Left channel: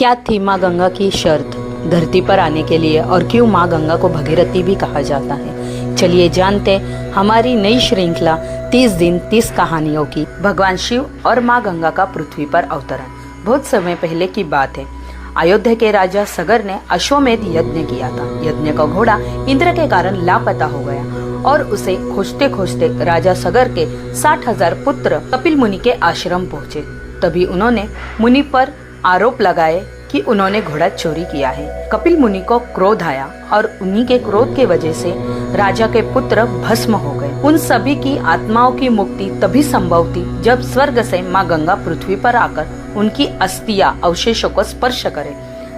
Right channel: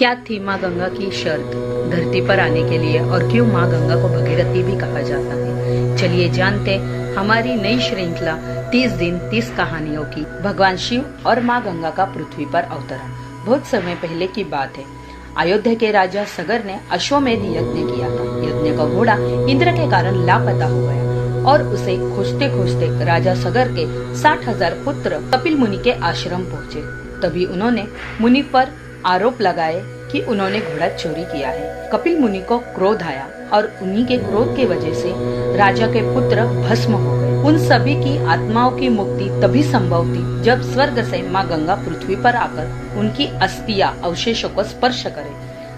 क्या थी माँ गंगा की शर्त धरती पर आने के लिए और क्यों माँ गंगा को भगीरथी भी कहा जाता है? चलिए जानते हमारी नई श्रृंखला 30 दिन 30 कहानियों की। भगवान शिव और माँ गंगा का पृथ्वी पर अवतरण। बहुत समय पहले की बात है। अयोध्या के राजा सगर ने अश्वमेध यज्ञ किया था। यज्ञ का घोड़ा इंद्र के कारण लापता हो गया और उसे खोजते खोजते राजा सगर के 60,000 पुत्र कपिल मुनि के आश्रम पहुँचे। तभी उन्होंने मुनि पर आरोप लगाए कि उन्होंने घोड़ा चोरी किया है। कपिल मुनि को क्रोध आया और उन्हीं के क्रोध के वजह से राजा के पुत्र भस्म हो गए। उन सभी की आत्माओं की मुक्ति तभी संभव थी जब स्वर्ग से माँ गंगा पृथ्वी पर आकर उनकी अस्थियां अवशेषों को स्पर्श करे।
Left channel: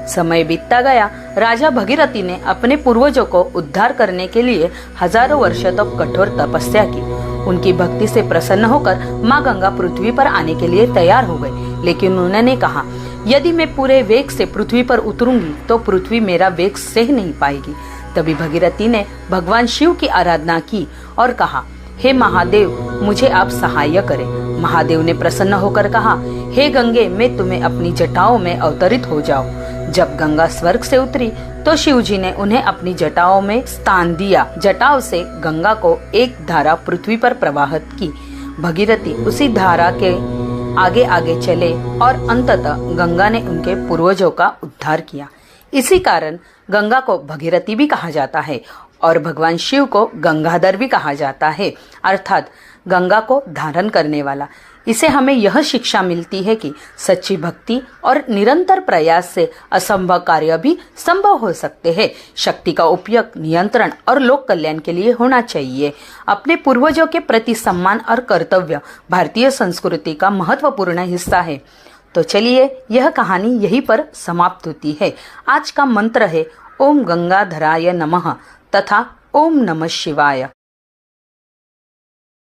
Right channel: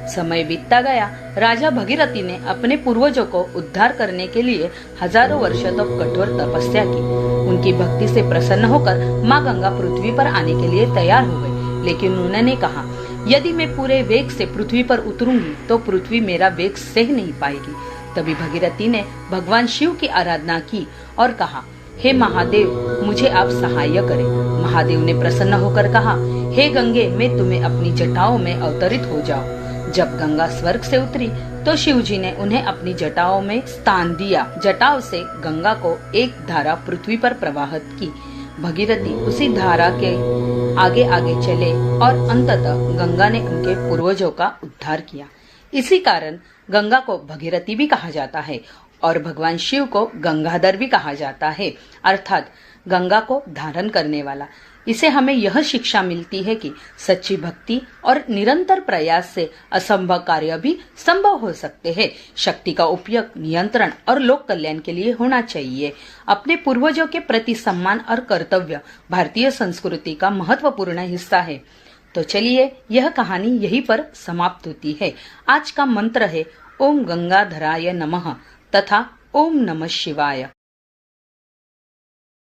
समय बीतता गया। राजा भगीरथी ने अपने पूर्वजों को उद्धार करने के लिए हजारों वर्षों तक कठोर तपस्या की। उनकी भक्ति से प्रसन्न होकर माँ गंगा पृथ्वी पर आने के लिए तैयार हो गए। लेकिन उन्होंने कहा, यदि मैं पूरे वेग से पृथ्वी पर उतरूंगी तो पृथ्वी मेरा वेग सह नहीं पाएगी। तभी भगीरथी ने भगवान शिव की आराधना की और कहा, हे महादेव, मुझे आप सहाय करें। महादेव ने प्रसन्न होकर कहा, हे गंगे, मैं तुम्हें अपनी जटाओं में अवतरित हो जाओ। जब गंगा स्वर्ग से उतरी तो शिव जी ने उन्हें अपनी जटाओं में स्थान दिया। जटाओं से गंगा को एक धारा पृथ्वी पर प्रवाहित की। भगीरथी उसी धारा के आगे आगे चले और अंततः गंगा ने उनके पूर्वजों का उद्धार किया। इसी कारण गंगा को भगीरथी भी कहा जाता है और भगवान शिव को गंगाधर भी कहा जाता है, अर्थात गंगा को धारण करने वाला। इसे हमें यह शिक्षा मिलती है कि सच्ची भक्ति और निरंतर प्रयास से असंभव कार्य भी संभव हो सकते हैं। शक्ति का उपयोग नियंत्रण और लोक कल्याण के लिए होना चाहिए। अपने पूर्वजों के प्रति सम्मान और कर्तव्य भारतीय संस्कृति का महत्वपूर्ण हिस्सा है। तो चलिए, यह कहानी यहीं पर समाप्त होती है। आज का मंत्र है ओम गंगाधराय नमः तथा ओम नमः शिवाय।